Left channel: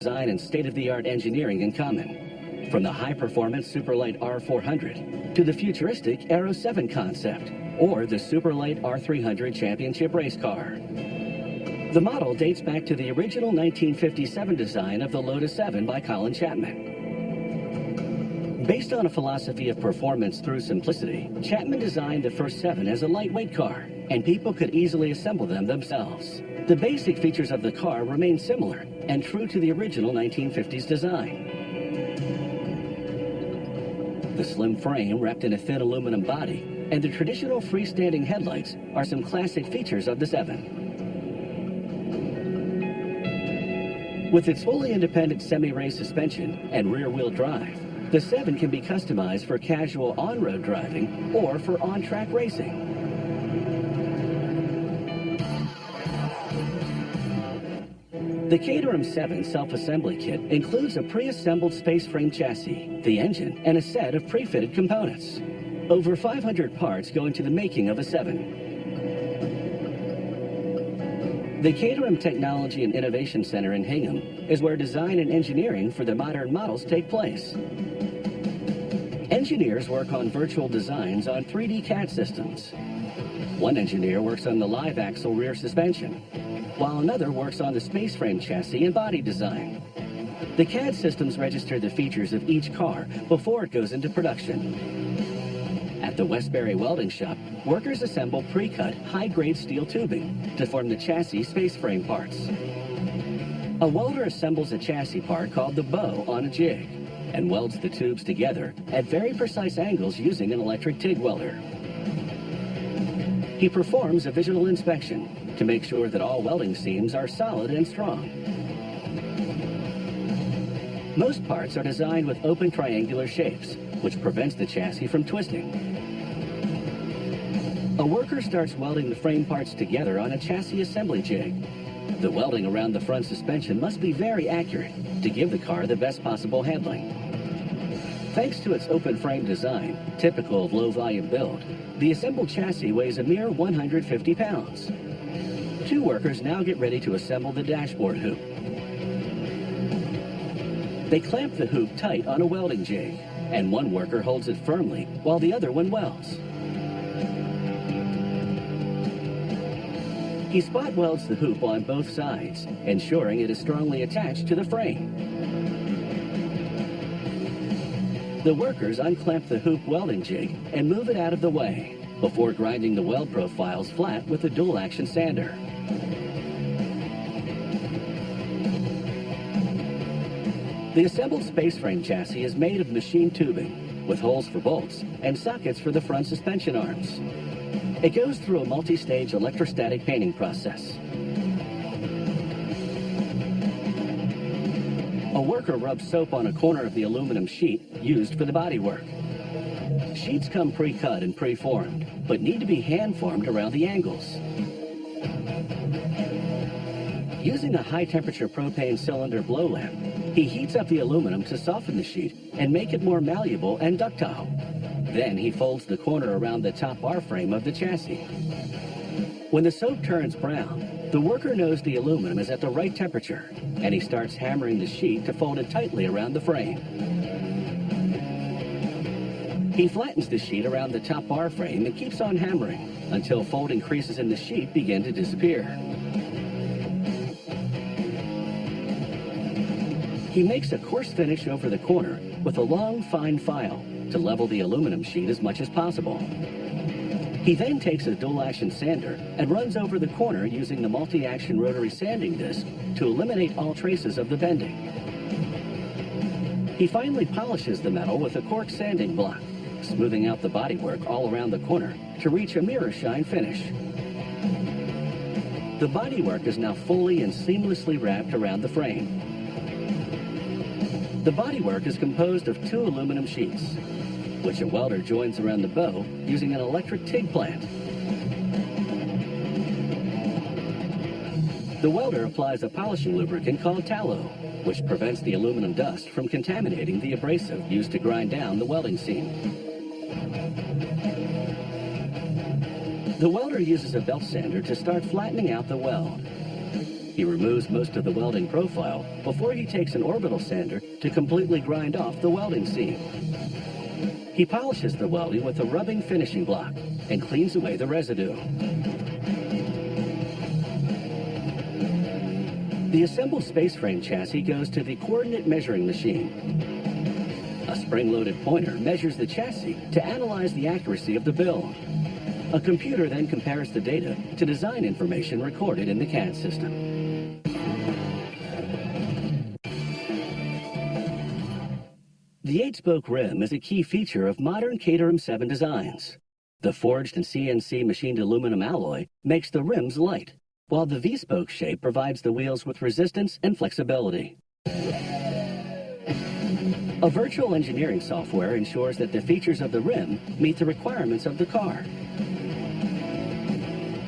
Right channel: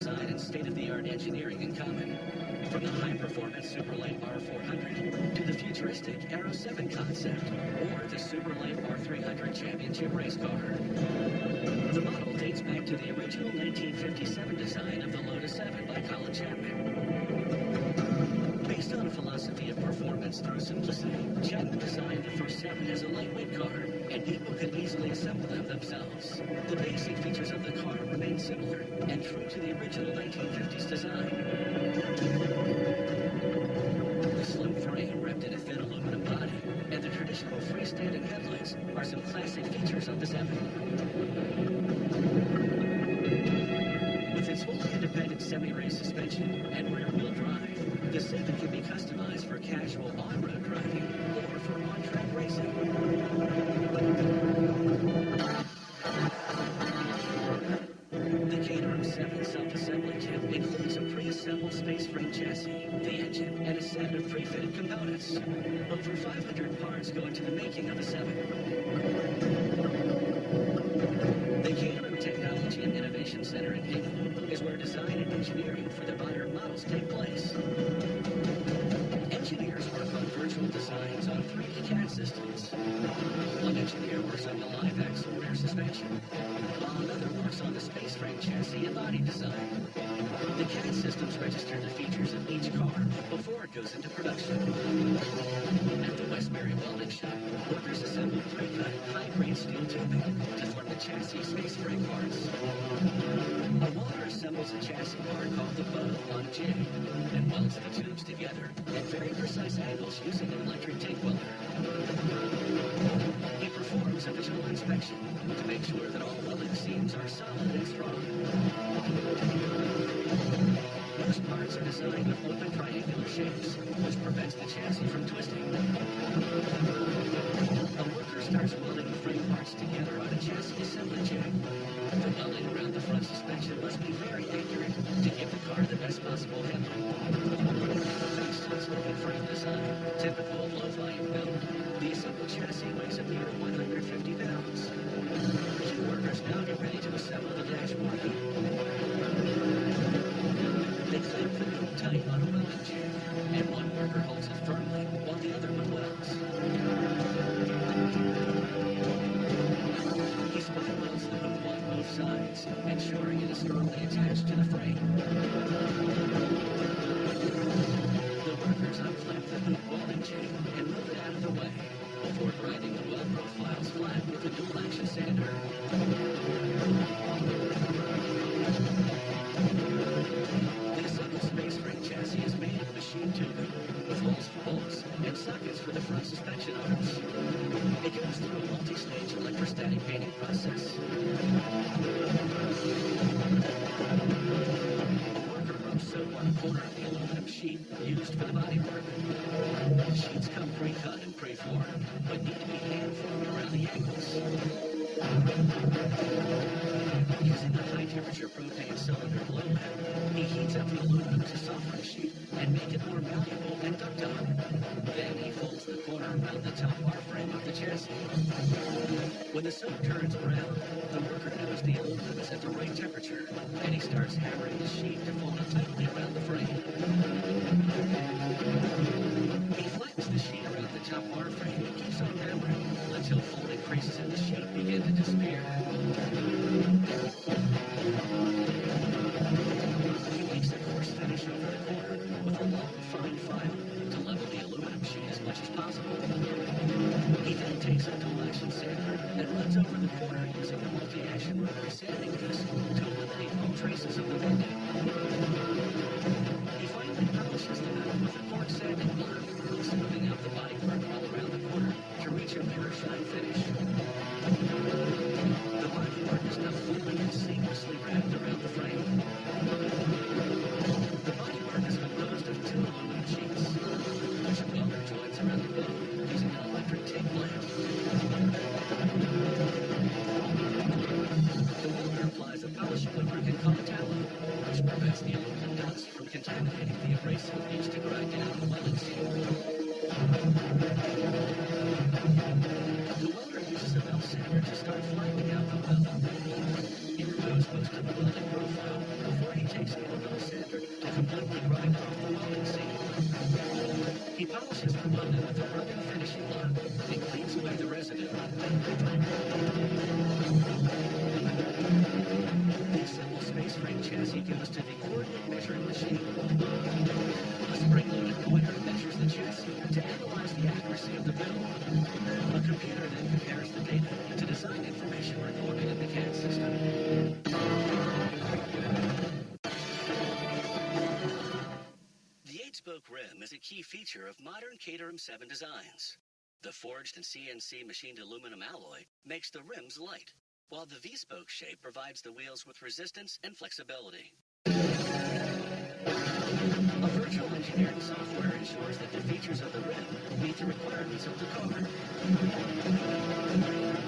design and state-of-the-art engineering in common. From the high-performance Superlight R400 to the futuristic Aero 7 concept or the Superlight R300 championship race car. The model dates back to the original 1957 design of the Lotus 7 by Colin Chapman. Based on a philosophy of performance through simplicity, Chapman designed the first 7 as a lightweight car, and people could easily assemble them themselves. The basic features of the car remain similar and true to the original 1950s design. The slim frame wrapped in a thin aluminum body and the traditional freestanding headlights are some classic features of the 7. With its fully independent semi-race suspension and rear-wheel drive, the 7 can be customized for casual on-road driving or for on-track racing. The Caterham 7 self-assembly kit includes a pre-assembled space frame chassis, the engine, and a set of pre-fitted components. Over 500 parts go into the making of a 7. The Caterham Technology and Innovation Center in Hingham is where design and engineering for the modern models take place. Engineers work on virtual designs on 3D CAD systems. One engineer works on the live axle rear suspension, while another works on the space frame chassis and body design. The CAD systems register the features of each car before it goes into production. At the Westbury Welding Shop, workers assemble pre-cut, high-grade steel tubing to form the chassis space frame parts. A welder assembles a chassis part called the bow on a jig and welds the tubes together at very precise angles using an electric TIG welder. He performs a visual inspection to make sure that all welding seams are solid and strong. Most parts are designed with open triangular shapes, which prevents the chassis from twisting. A worker starts welding the frame parts together on a chassis assembly jig. The welding around the front suspension must be very accurate to give the car the best possible handling. Thanks to its open frame design, typical of low-volume build, the assembled chassis weighs a mere 150 pounds. 2 workers now get ready to assemble the dashboard hoop. They clamp the hoop tight on a welding jig, and one worker holds it firmly while the other one welds. He spot welds the hoop on both sides, ensuring it is strongly attached to the frame. The workers unclamp the hoop welding jig and move it out of the way before grinding the weld profiles flat with a dual-action sander. The assembled space frame chassis is made of machined tubing with holes for bolts and sockets for the front suspension arms. It goes through a multi-stage electrostatic painting process. A worker rubs soap on a corner of the aluminum sheet used for the bodywork. Sheets come pre-cut and pre-formed, but need to be hand-formed around the angles. Using a high-temperature propane cylinder blow lamp, he heats up the aluminum to soften the sheet and make it more malleable and ductile. Then he folds the corner around the top bar frame of the chassis. When the soap turns brown, the worker knows the aluminum is at the right temperature, and he starts hammering the sheet to fold it tightly around the frame. He flattens the sheet around the top bar frame and keeps on hammering until folding creases in the sheet begin to disappear. He makes a coarse finish over the corner with a long, fine file to level the aluminum sheet as much as possible. He then takes a dual-action sander and runs over the corner using the multi-action rotary sanding disc to eliminate all traces of the bending. He finally polishes the metal with a cork sanding block, smoothing out the bodywork all around the corner to reach a mirror shine finish. The bodywork is now fully and seamlessly wrapped around the frame. The bodywork is composed of 2 aluminum sheets, which a welder joins around the bow using an electric TIG plant. The welder applies a polishing lubricant called tallow, which prevents the aluminum dust from contaminating the abrasive used to grind down the welding seam. The welder uses a belt sander to start flattening out the weld. He removes most of the welding profile before he takes an orbital sander to completely grind off the welding seam. He polishes the welding with a rubbing finishing block and cleans away the residue. The assembled space frame chassis goes to the coordinate measuring machine. A spring-loaded pointer measures the chassis to analyze the accuracy of the build. A computer then compares the data to design information recorded in the CAD system. The 8-spoke rim is a key feature of modern Caterham 7 designs. The forged and CNC machined aluminum alloy makes the rims light, while the V-spoke shape provides the wheels with resistance and flexibility. A virtual engineering software ensures that the features of the rim meet the requirements of the car.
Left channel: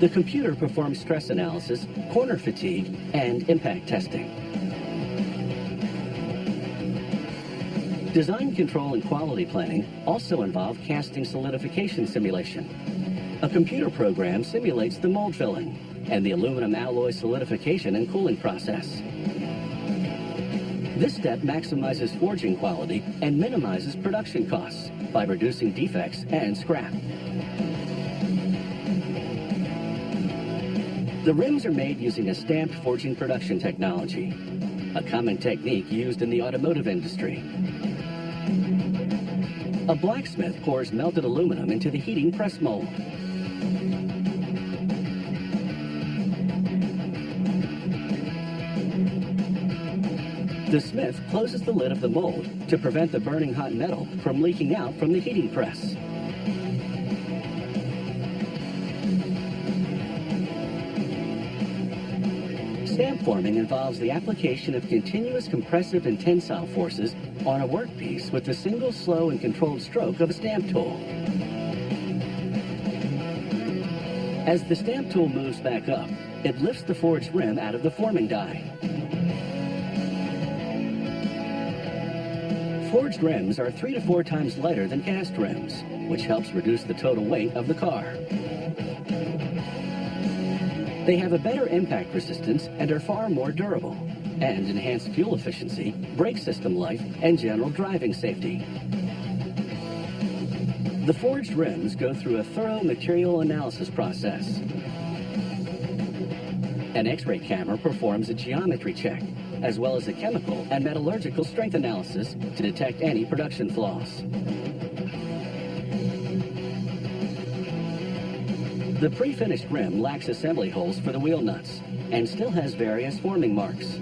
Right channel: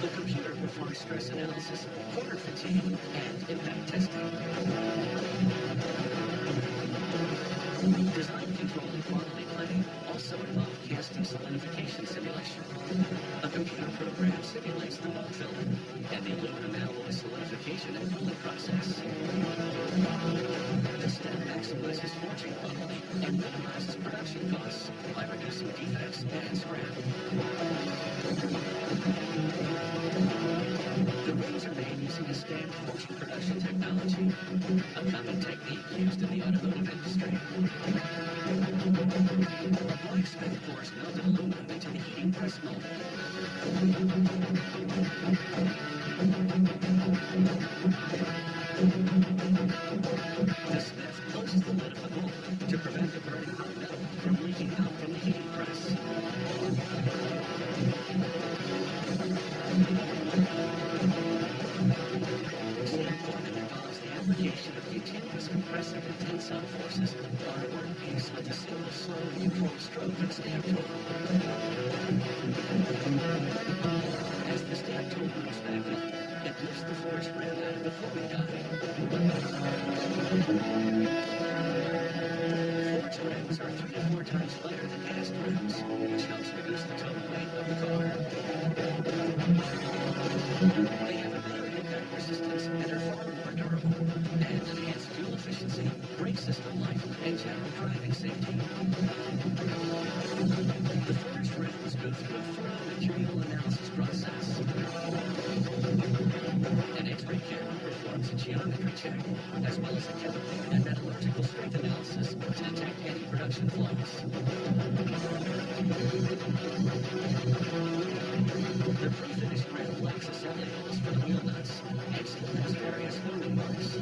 The computer performs stress analysis, corner fatigue, and impact testing. Design control and quality planning also involve casting solidification simulation. A computer program simulates the mold filling and the aluminum alloy solidification and cooling process. This step maximizes forging quality and minimizes production costs by reducing defects and scrap. The rims are made using a stamped forging production technology, a common technique used in the automotive industry. A blacksmith pours melted aluminum into the heating press mold. The smith closes the lid of the mold to prevent the burning hot metal from leaking out from the heating press. Stamp forming involves the application of continuous compressive and tensile forces on a workpiece with the single slow and controlled stroke of a stamp tool. As the stamp tool moves back up, it lifts the forged rim out of the forming die. Forged rims are 3 to 4 times lighter than cast rims, which helps reduce the total weight of the car. They have a better impact resistance and are far more durable, and enhance fuel efficiency, brake system life, and general driving safety. The forged rims go through a thorough material analysis process. An X-ray camera performs a geometry check, as well as a chemical and metallurgical strength analysis to detect any production flaws. The pre-finished rim lacks assembly holes for the wheel nuts and still has various forming marks.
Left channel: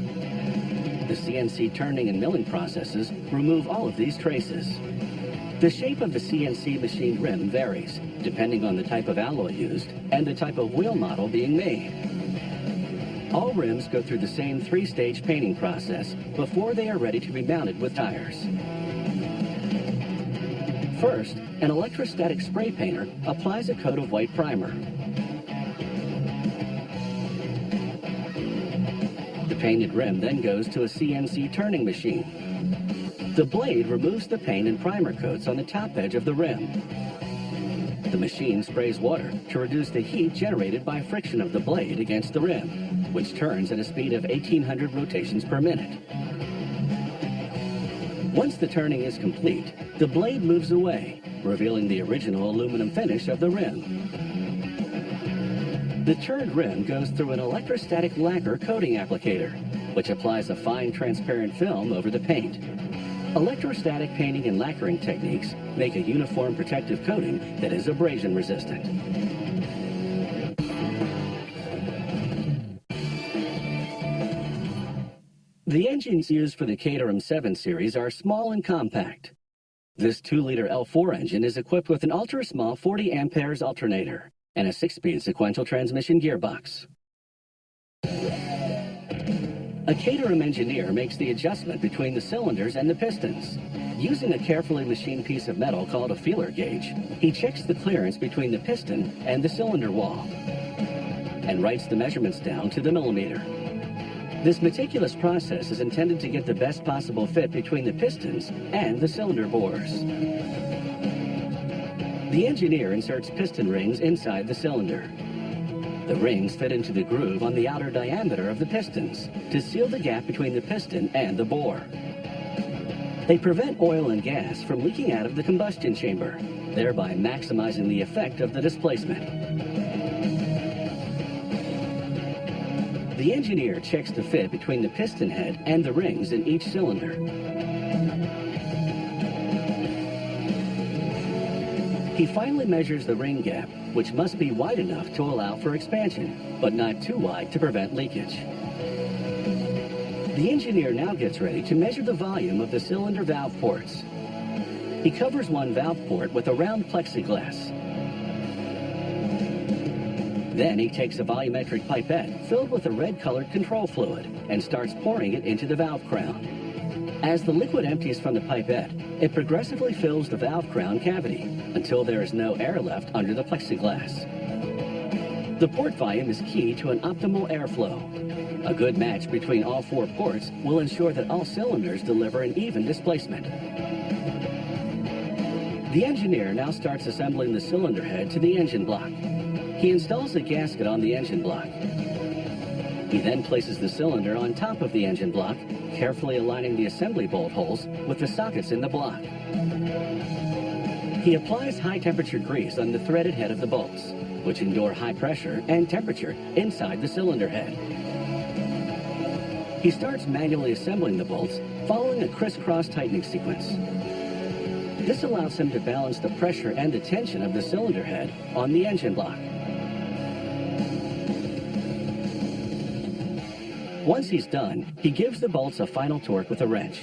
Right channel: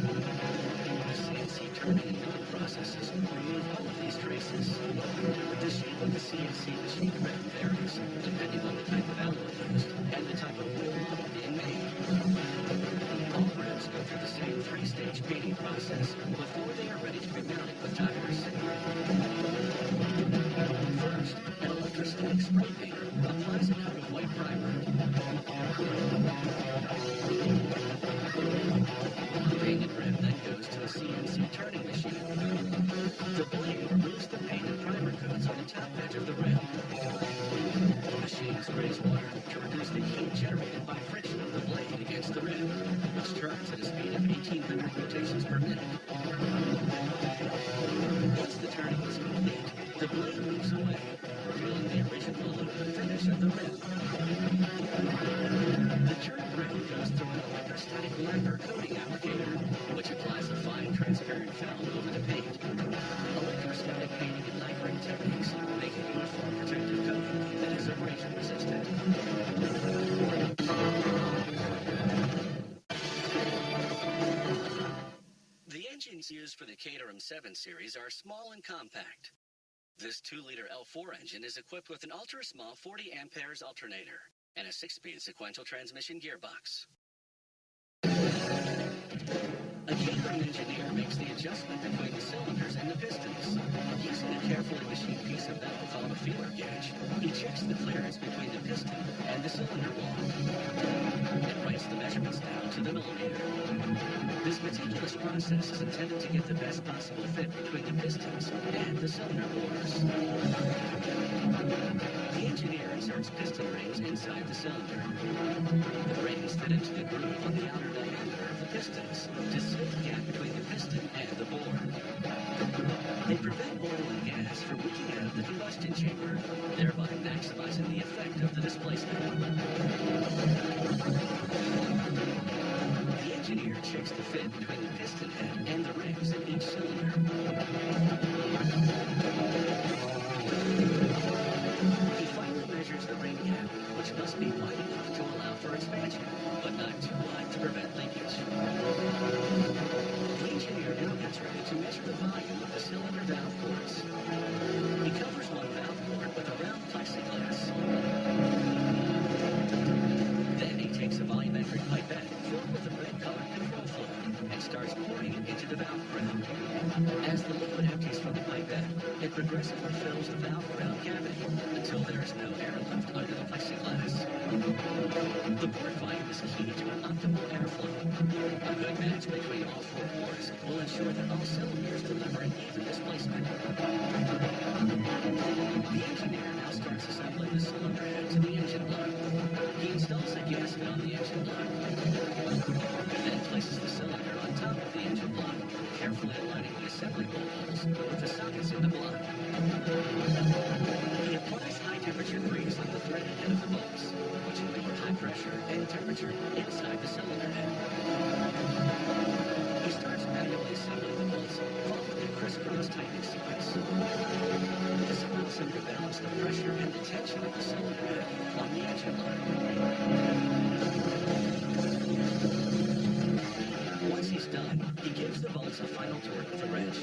The CNC turning and milling processes remove all of these traces. The shape of the CNC machined rim varies depending on the type of alloy used and the type of wheel model being made. All rims go through the same 3-stage painting process before they are ready to be mounted with tires. First, an electrostatic spray painter applies a coat of white primer. The painted rim then goes to a CNC turning machine. The blade removes the paint and primer coats on the top edge of the rim. The machine sprays water to reduce the heat generated by friction of the blade against the rim, which turns at a speed of 1,800 rotations per minute. Once the turning is complete, the blade moves away, revealing the original aluminum finish of the rim. The turned rim goes through an electrostatic lacquer coating applicator, which applies a fine transparent film over the paint. Electrostatic painting and lacquering techniques make a uniform protective coating that is abrasion resistant. The engines used for the Caterham 7 series are small and compact. This 2-liter L4 engine is equipped with an ultra-small 40 amperes alternator and a 6-speed sequential transmission gearbox. A Caterham engineer makes the adjustment between the cylinders and the pistons. Using a carefully machined piece of metal called a feeler gauge, he checks the clearance between the piston and the cylinder wall and writes the measurements down to the millimeter. This meticulous process is intended to get the best possible fit between the pistons and the cylinder bores. The engineer inserts piston rings inside the cylinder. The rings fit into the groove on the outer diameter of the pistons to seal the gap between the piston and the bore. They prevent oil and gas from leaking out of the combustion chamber, thereby maximizing the effect of the displacement. The engineer checks the fit between the piston head and the rings in each cylinder. He finally measures the ring gap, which must be wide enough to allow for expansion, but not too wide to prevent leakage. The engineer now gets ready to measure the volume of the cylinder valve ports. He covers one valve port with a round plexiglass. Then he takes a volumetric pipette filled with a red-colored control fluid and starts pouring it into the valve crown. As the liquid empties from the pipette, it progressively fills the valve crown cavity until there is no air left under the plexiglass. The port volume is key to an optimal airflow. A good match between all four ports will ensure that all cylinders deliver an even displacement. The engineer now starts assembling the cylinder head to the engine block. He installs a gasket on the engine block. He then places the cylinder on top of the engine block, carefully aligning the assembly bolt holes with the sockets in the block. He applies high-temperature grease on the threaded head of the bolts, which endure high pressure and temperature inside the cylinder head. He starts manually assembling the bolts, following a crisscross tightening sequence. This allows him to balance the pressure and the tension of the cylinder head on the engine block. Once he's done, he gives the bolts a final torque with a wrench.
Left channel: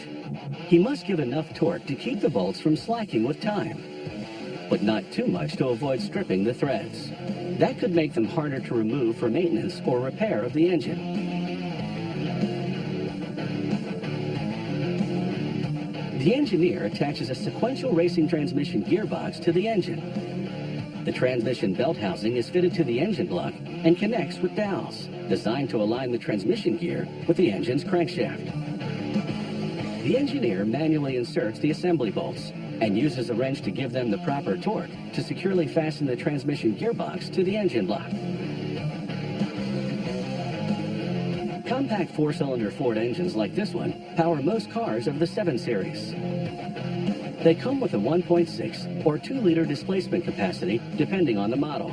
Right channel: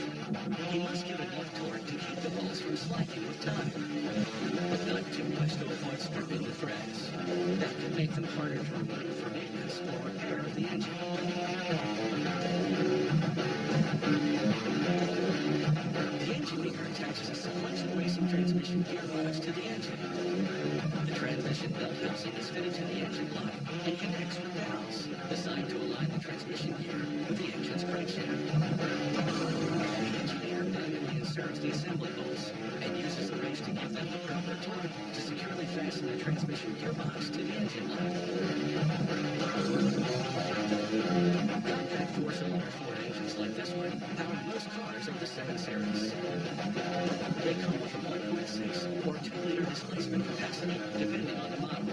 He must give enough torque to keep the bolts from slacking with time, but not too much to avoid stripping the threads. That could make them harder to remove for maintenance or repair of the engine. The engineer attaches a sequential racing transmission gearbox to the engine. The transmission belt housing is fitted to the engine block and connects with dowels, designed to align the transmission gear with the engine's crankshaft. The engineer manually inserts the assembly bolts and uses a wrench to give them the proper torque to securely fasten the transmission gearbox to the engine block. Compact four-cylinder Ford engines like this one power most cars of the 7 Series. They come with a 1.6 or 2-liter displacement capacity depending on the model.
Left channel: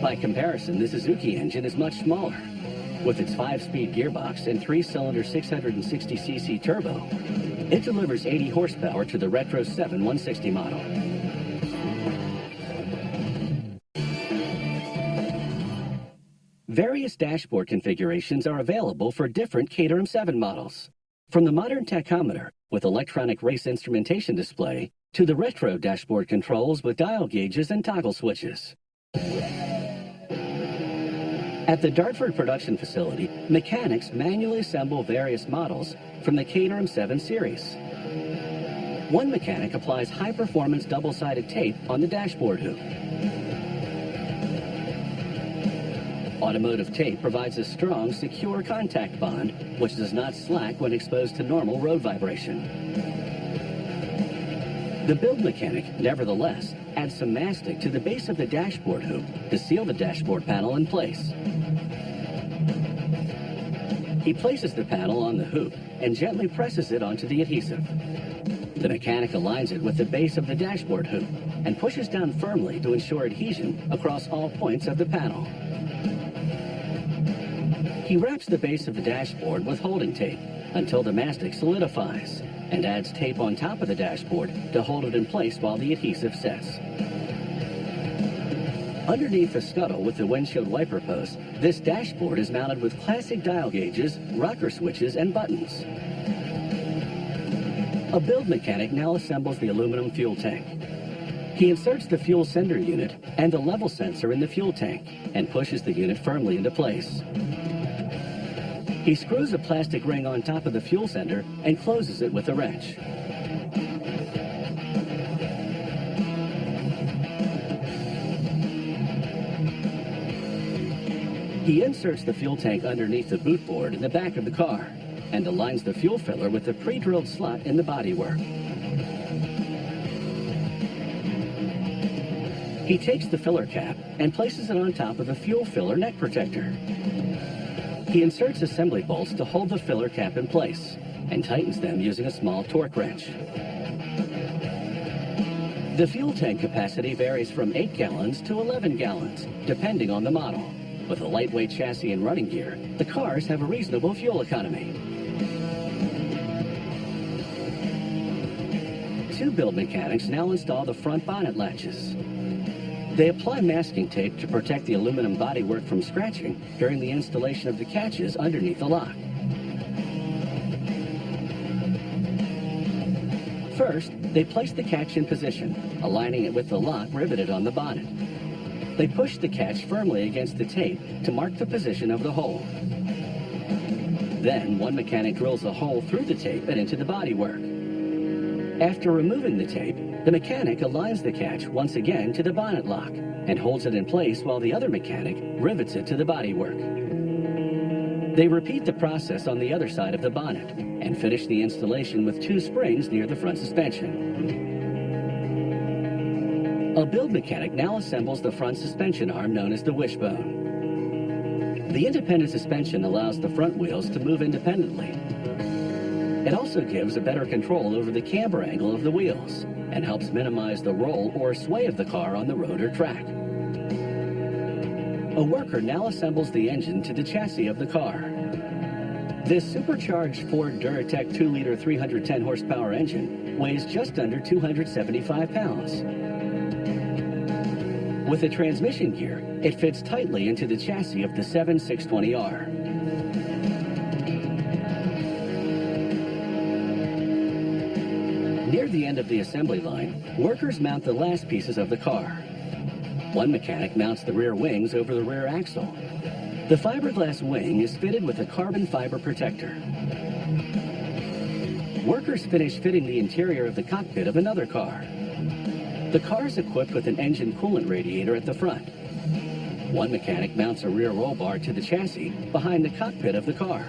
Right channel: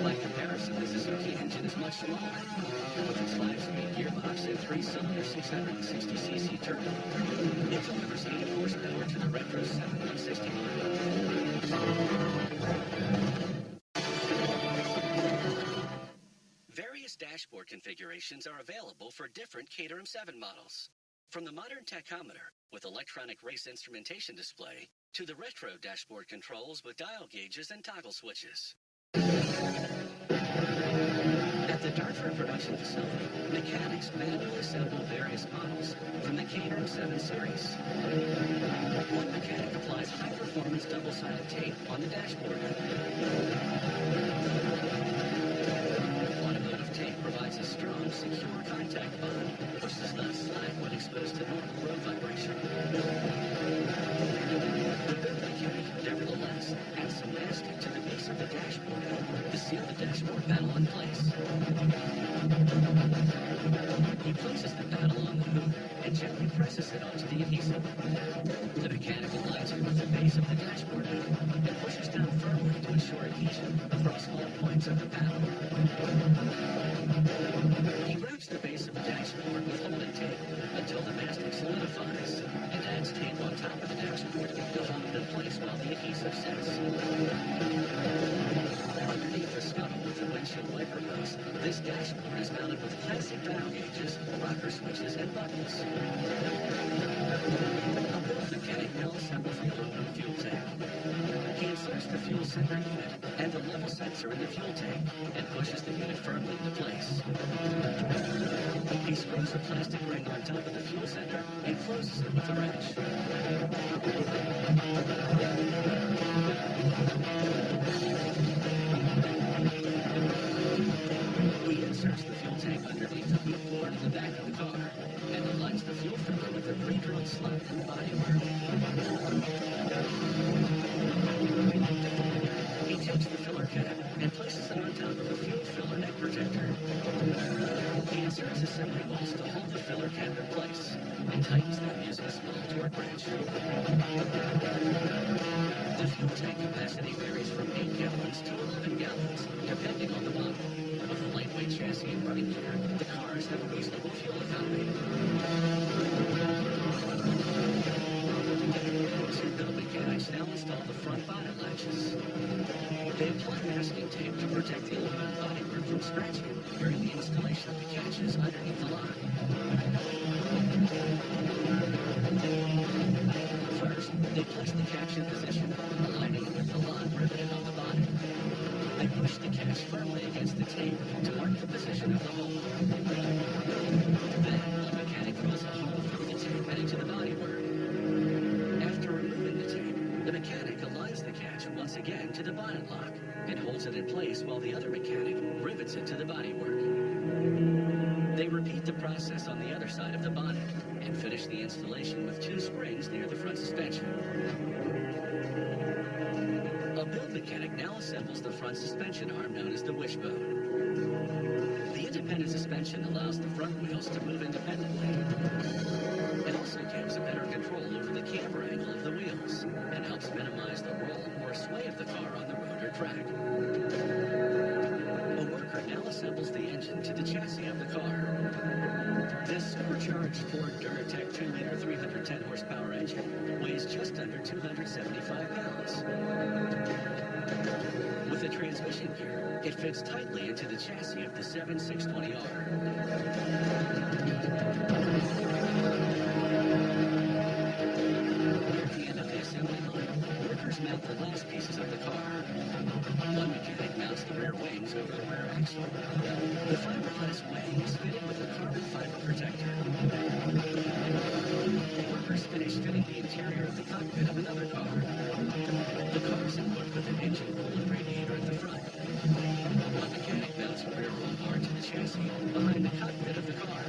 By comparison, the Suzuki engine is much smaller. With its 5-speed gearbox and 3-cylinder 660cc turbo, it delivers 80 horsepower to the Retro 7 160 model. Various dashboard configurations are available for different Caterham 7 models. From the modern tachometer with electronic race instrumentation display to the retro dashboard controls with dial gauges and toggle switches. At the Dartford production facility, mechanics manually assemble various models from the Caterham 7 Series. One mechanic applies high-performance double-sided tape on the dashboard hoop. Automotive tape provides a strong, secure contact bond, which does not slack when exposed to normal road vibration. The build mechanic, nevertheless, adds some mastic to the base of the dashboard hoop to seal the dashboard panel in place. He places the panel on the hoop and gently presses it onto the adhesive. The mechanic aligns it with the base of the dashboard hoop and pushes down firmly to ensure adhesion across all points of the panel. He wraps the base of the dashboard with holding tape until the mastic solidifies and adds tape on top of the dashboard to hold it in place while the adhesive sets. Underneath the scuttle with the windshield wiper post, this dashboard is mounted with classic dial gauges, rocker switches, and buttons. A build mechanic now assembles the aluminum fuel tank. He inserts the fuel sender unit and the level sensor in the fuel tank and pushes the unit firmly into place. He screws a plastic ring on top of the fuel sender and closes it with a wrench. He inserts the fuel tank underneath the boot board in the back of the car and aligns the fuel filler with the pre-drilled slot in the bodywork. He takes the filler cap and places it on top of the fuel filler neck protector. He inserts assembly bolts to hold the filler cap in place and tightens them using a small torque wrench. The fuel tank capacity varies from 8 gallons to 11 gallons, depending on the model. With a lightweight chassis and running gear, the cars have a reasonable fuel economy. Two build mechanics now install the front bonnet latches. They apply masking tape to protect the aluminum bodywork from scratching during the installation of the catches underneath the lock. First, they place the catch in position, aligning it with the lock riveted on the bonnet. They push the catch firmly against the tape to mark the position of the hole. Then, one mechanic drills a hole through the tape and into the bodywork. After removing the tape, the mechanic aligns the catch once again to the bonnet lock and holds it in place while the other mechanic rivets it to the bodywork. They repeat the process on the other side of the bonnet and finish the installation with 2 springs near the front suspension. A build mechanic now assembles the front suspension arm known as the wishbone. The independent suspension allows the front wheels to move independently. It also gives a better control over the camber angle of the wheels and helps minimize the roll or sway of the car on the road or track. A worker now assembles the engine to the chassis of the car. This supercharged Ford Duratec 2-liter 310 horsepower engine weighs just under 275 pounds. With a transmission gear, it fits tightly into the chassis of the 7620R. Near the end of the assembly line, workers mount the last pieces of the car. One mechanic mounts the rear wings over the rear axle. The fiberglass wing is fitted with a carbon fiber protector. Workers finish fitting the interior of the cockpit of another car. The car is equipped with an engine coolant radiator at the front. One mechanic mounts a rear roll bar to the chassis behind the cockpit of the car.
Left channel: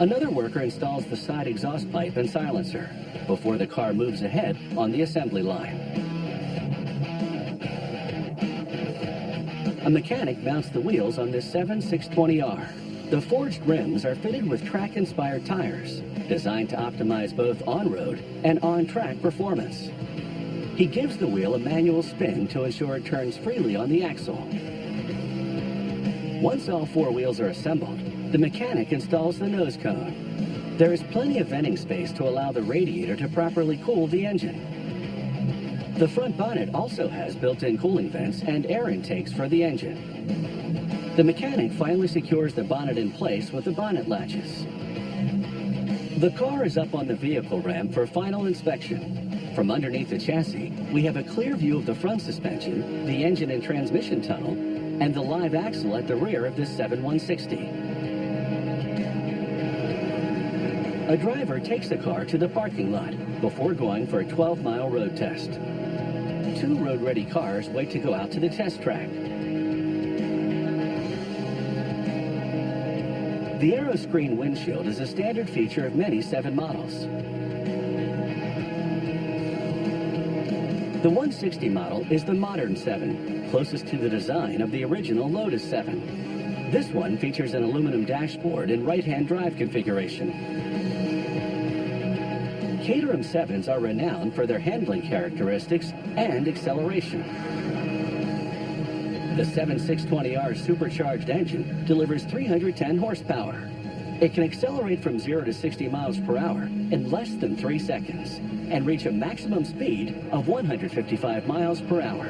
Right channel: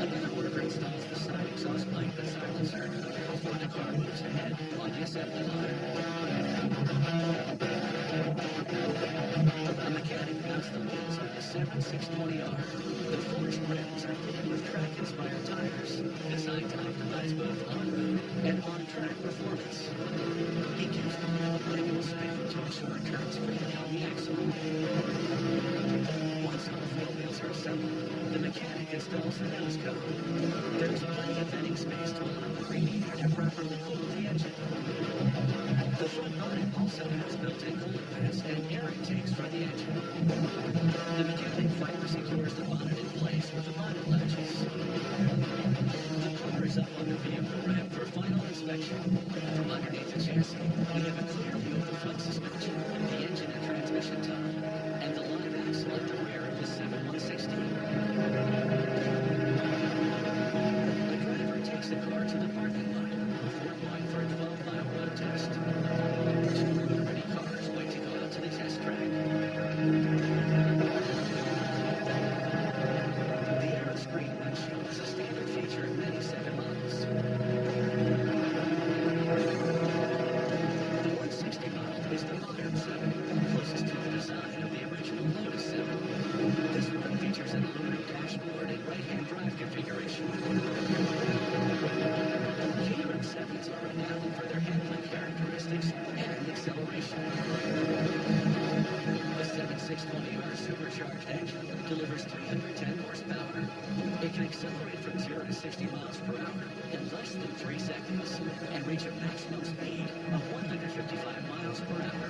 Another worker installs the side exhaust pipe and silencer before the car moves ahead on the assembly line. A mechanic mounts the wheels on this 7620R. The forged rims are fitted with track-inspired tires, designed to optimize both on-road and on-track performance. He gives the wheel a manual spin to ensure it turns freely on the axle. Once all 4 wheels are assembled, the mechanic installs the nose cone. There is plenty of venting space to allow the radiator to properly cool the engine. The front bonnet also has built-in cooling vents and air intakes for the engine. The mechanic finally secures the bonnet in place with the bonnet latches. The car is up on the vehicle ramp for final inspection. From underneath the chassis, we have a clear view of the front suspension, the engine and transmission tunnel, and the live axle at the rear of this 7160. A driver takes the car to the parking lot before going for a 12-mile road test. 2 road-ready cars wait to go out to the test track. The AeroScreen windshield is a standard feature of many 7 models. The 160 model is the modern 7, closest to the design of the original Lotus 7. This one features an aluminum dashboard and right-hand drive configuration. Caterham 7s are renowned for their handling characteristics and acceleration. The 7620R's supercharged engine delivers 310 horsepower. It can accelerate from 0 to 60 miles per hour in less than 3 seconds and reach a maximum speed of 155 miles per hour.